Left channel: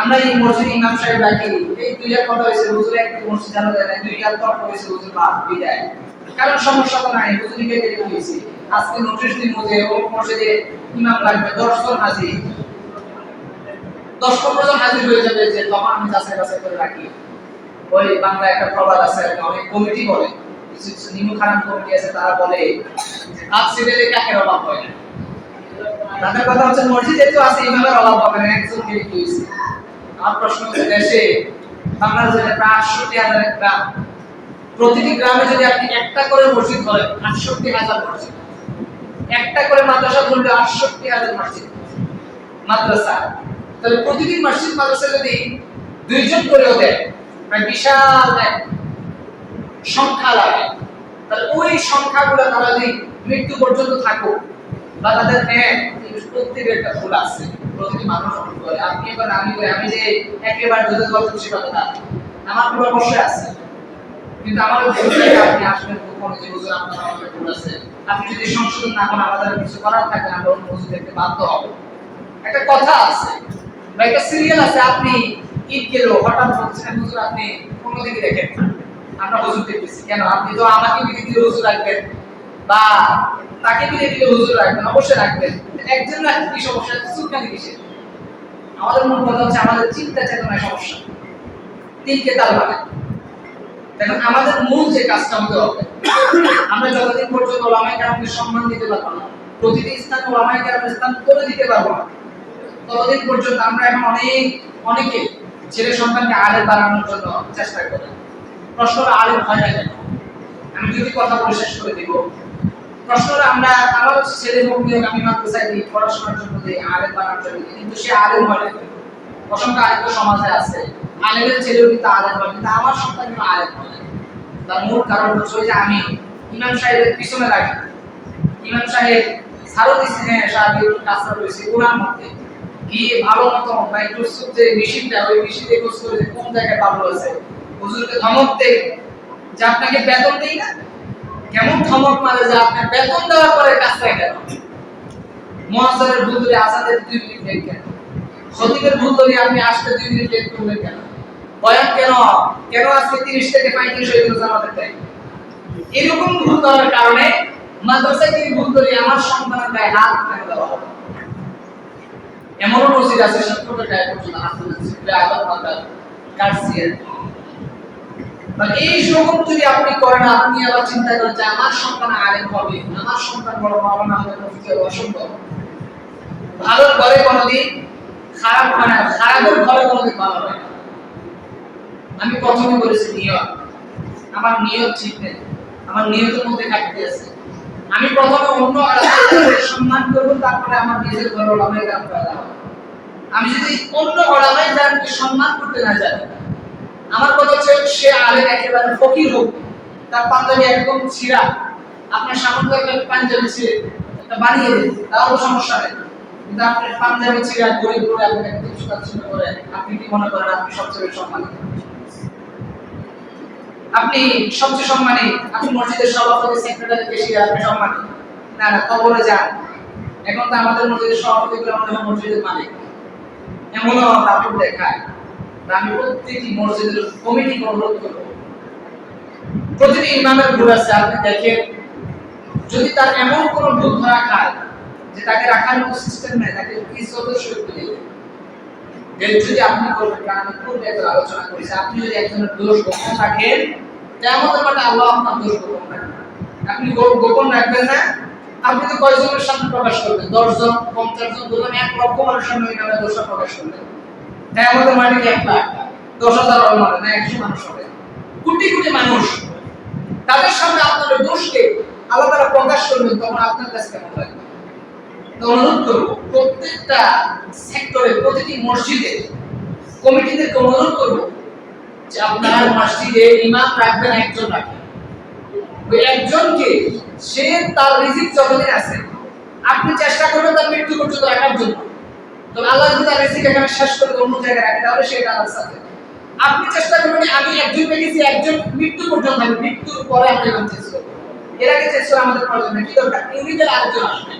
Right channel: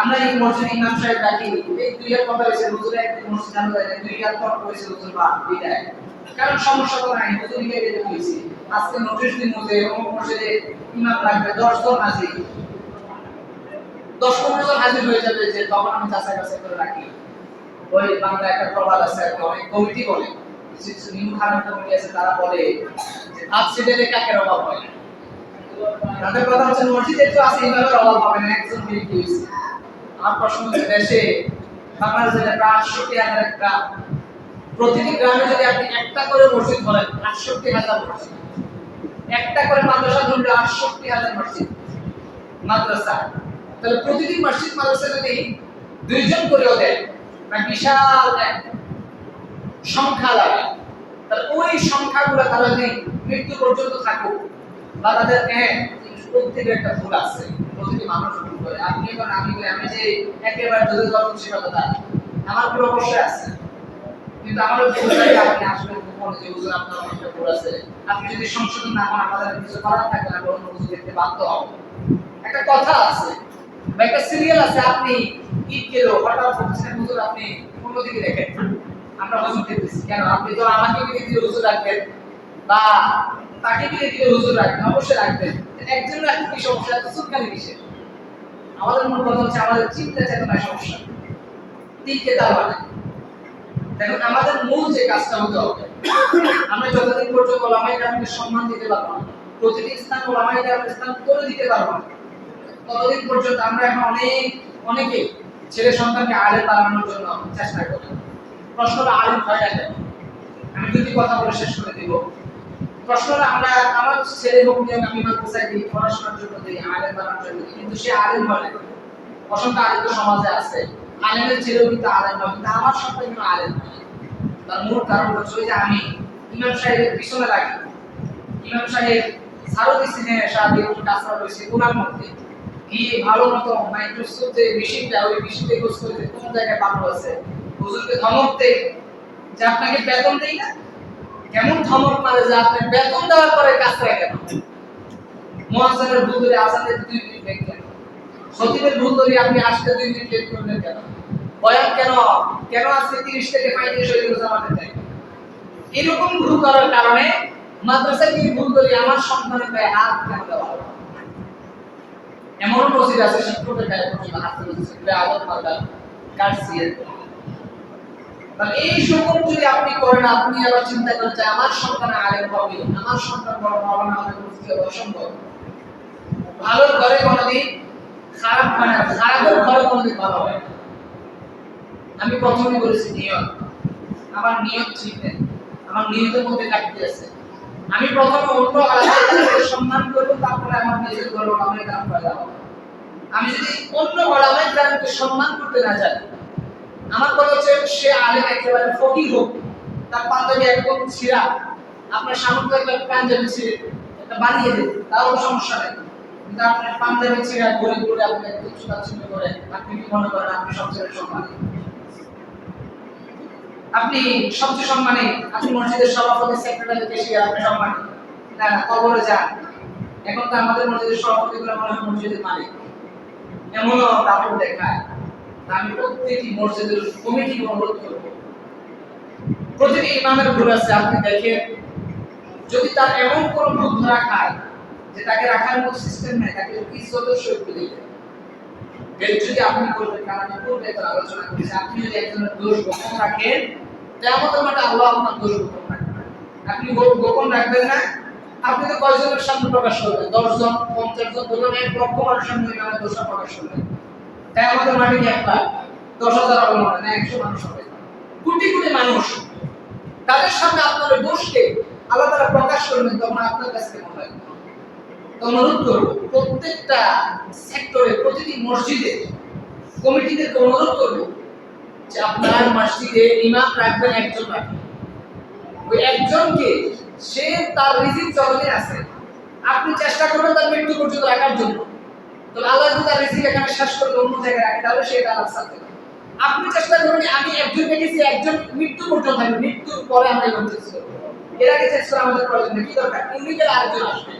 আমরা এই মসজিদ ইমাম সাহেব রাখি, এই দুইটা কথা হয়েছে হুজুর একটা মসজিদ জানা যায় না, দুইটা তর্ক হয়েছে হুজুর বাদ বিদায়। কারণ সমস্যা তো নাই, হুজুরকে দিয়ে দিয়েছি আজকে নোটিশ দিন মধ্যে ও মসজিদে ইমাম রাখবে 10 জন হাজির, 10-15 জন হাজির হয়ে যাবে, যে তখন আমি যাচাই বাছাই করে রাখি। ওই বাংলা একটা প্রবাদ আছে, অনেক কমিটি বলে, কিছু কিছু নিমু খারাপ কমিটি আছে, তারা বলে যে হাত ছেড়ে কাকের অভাব হয় না। তাদের কথা হচ্ছে মসজিদে তো আছে, ইমামের অভাব হবে না, একজন ব্যক্তি হয়েছে। আমার প্রশ্ন হচ্ছে দেশে বাংলাদেশে প্রায় 68,000 গ্রাম, প্রতিটি গ্রামে যদি আপনি একটা করে মসজিদ ধরেন 68,000 মসজিদ, একটা করে মাদ্রাসা ধরলে 68,000 মসজিদ মাদ্রাসা, তাহলে প্রতিটি মসজিদ মাদ্রাসা যদি 2 জন করেও দেয় প্রায় বিশাল এক সংখ্যা লাগে। তাহলে ওই সংখ্যাগুলো তারা যদি মৃত্যু পর্যন্ত থাকুক বা তাদের প্রত্যেকের একটা ভুল আছে, প্রতিটি মানুষ ভুল করে, আপনি এবার আমি করি, আমি যে একেবারে যদি গল্প খুশি কথা না, আমার কোনো অবশ্যই আছে, কিন্তু আমারও আপনি আসবেন গোপনে যে হুজুর আপনার অনেক ভুল আছে, আপনি যদি সংশোধন না করেন আমাদের কিছু করার থাকে না, আমরা অন্য হুজুর দেখতে বাধ্য হব। একটা কথা আছে বা একটা সিরিয়াল আছে, আপনি ঈদ গেল হঠাৎ বলছেন হুজুর আপনি অন্যদিকে দেখেন, আমরা হুজুর দেখতেছি কেন, আপনি তো আমাকে বিলে দিলে হুজুর রাখবেন বা তাকে বিলে দিলে হুজুর রাখবেন, অবশ্যই রাখবেন। একজন রাখতে কি সমস্যা, সুলকানি কিসের? আমাদের মূল কথা হচ্ছে আমাদের চিন্তা চেতনায় সমস্যা, তিনকে তাল মানে। এখন আমাদের মূল যে কাজটা হতে হবে, আমরা যতদিন পর্যন্ত ওলামায়ে কেরামকে সম্মান দিতে পারবো না, প্রতিটি স্থান ওলামায়ে কেরামের স্থান করে দিতে পারবো না, ততদিন পর্যন্ত আমরা এখন অনেকে ছেলে সন্তানকে আলেম বানানোর জন্য চেষ্টা করে। প্রশ্নটা আলেম হয় না কেন? আমি যদি কথা বলে শেষ করে দিব, প্রশ্নটা আমরা আমার ছেলে হোক নিয়োগ আমি মাদ্রাসায় দিই, পড়াশোনার জন্য দিই, আলেম বানানোর জন্য দিই, কিন্তু সে আলেম হয় না। অসংখ্য আলেম সমাজে আছে, আলেমের ছেলেও কিন্তু আলেম হয়, কিন্তু আমার সন্তান কিন্তু আলেম হয় না। তার মূল কারণ হচ্ছে যে আমি ইমাম সাহেবের পিছনে রাখি, ইমাম সাহেব ছাড়ো দিচ্ছি, হ্যাঁ সাহেব কাজটা রয়েছে ওনার মধ্যে গিয়ে ভালো মতো বা একটু যে মেশিনটা, ওই মেশিনে খোঁজ করে যে কোন জায়গায় ভালো আছে, হুজুরকে ধমক দেয় যে আপনাকে বেতন দেই না, কেমন ধমক মারে যে আপনি বেতন দেওয়ার পরে কাজটা কেন, মুয়াজ্জিনের ভুল ধরে আজানের 2 মিনিট লেট কেন, খতিবের ভুল ধরে আপনি আসতে 2 মিনিট লেট করলেন কেন, বয়ান কেন কেন আজকে 30 থেকে 35 হয়ে গেল আমাদের টাইম, এরকম ভুল করার কারণে মাদ্রাসায় কি ভুল ধরে আমার সন্তানের গায়ে হাত কেন দেওয়া হবে? এমনও মসজিদ আছে শিক্ষকের গায়ে পর্যন্ত হাত দিয়েছে, আদব মাদ্রাসা কাটছিয়ে। মানে এই সকল যদি আপনি করেন, আপনি আবার চিন্তা করেন যে আমার সন্তান আলেম হবে, আমার সন্তান বড় মাওলানা হবে, মুফতি হবে, অসম্ভব। ভালো ঘরে কোনোদিন খারাপ হয় না, খারাপের ঘরে কোনোদিন ভালো হয় না। আমি প্রথমে বলেছি নিয়ত, আমার নিয়ত ঠিক নেই, আমার নিয়তের মধ্যে কাটতে আছে। আমি প্রথমে অন্য আলেমদের সম্মান করব, তারপরে আমার নিজের ঘরে ওলামায়ে কেরাম পয়দা হবে। আমি যদি অন্য ওলামায়ে কেরামকে সম্মান করতে না জানি, আমার কথা হচ্ছে সে আলেম একেবারে ফকির হোক, তার পাঞ্জাবি একদম ছিঁড়া, আপনার সামনে একটা পাঞ্জাবি ছিঁড়ে একটা বানিয়ে দিন, তাও তো সমস্যা নেই, কিন্তু আপনার পাঞ্জাবি ছিঁড়া গরিব করে আপনি একদম সুতাচ্ছিন্ন করে, আপনি কি মনে করেন আপনি সবচেয়ে সম্মানিত? আপনি সবচেয়ে সম্মানী, আপনি মসজিদের সভাপতি, সেক্রেটারি, কেশিয়ার, আপনি সম্মানী না? না, কবরে যান। এখন তো আমাদের মসজিদের সভাপতিগুলো মনে হয় মসজিদের মালিক, এমনও তারপর দেখায়। আমি প্রত্যেকটি মসজিদের কমিটি অনুরোধ করব, প্রতিটি ইমামের ভুল আছে, আপনি দেখেন যদি তার এমন কোন ভুল ধরা খায় যে তাকে রাখার মতো সিস্টেম নেই, তাকে ইজ্জতের সহিত দিলে যদি আপনি করবেন, কারণ আমি পূর্বে তো আলোচনা করেছি, আপনি যদি একজনের দোষ গোপন রাখেন, তেমন মানে আল্লাহ আপনার দোষ গোপন রাখবেন। আপনি গোপন রাখবেন না, আপনি তো কয়জনের সামনে প্রকাশ করবেন? 10 জন, 50 জন, ধরুন 1 লক্ষ মানুষের সামনে ইমামের দোষটা প্রকাশ করলেন, তেমন মানে কি 1 লাখ, 10,000 হবে মানে না, 100 মানুষ হবে, কোটি কোটি মানুষ, তাদের সামনে আপনার দোষকে আল্লাহ তাআলা প্রকাশ করবেন, তখন আপনার কাছে কেমন লাগে? তো অনুরোধ করব প্রত্যেকটা সেক্টরে, প্রতিটি মসজিদে কমিটিতে অনুরোধ করব যে আপনার মসজিদে ইমাম রাখবেন, একজন রাখবেন, ওই একজনকে সে তার রিজিক যতদিন আছে আপনি চেষ্টা করবেন তার মৃত্যু পর্যন্ত রাখার জন্য। তো আল্লাহ যদি তার রিজিক এখানে শেষ করে অন্য জায়গায় রাখে, তাহলে সেটা আল্লাহর সাথে। আপনি চেষ্টা করবেন আমি একজন পেয়েছি, একজন মৃত্যু পর্যন্ত হবে, মৃত্যুর পরে আমরা এরকম চেষ্টা করব। এর আগে চেষ্টা আমাদের প্রয়োজন নেই, কি দরকার? ইউনিটের আরেকজন আসবে,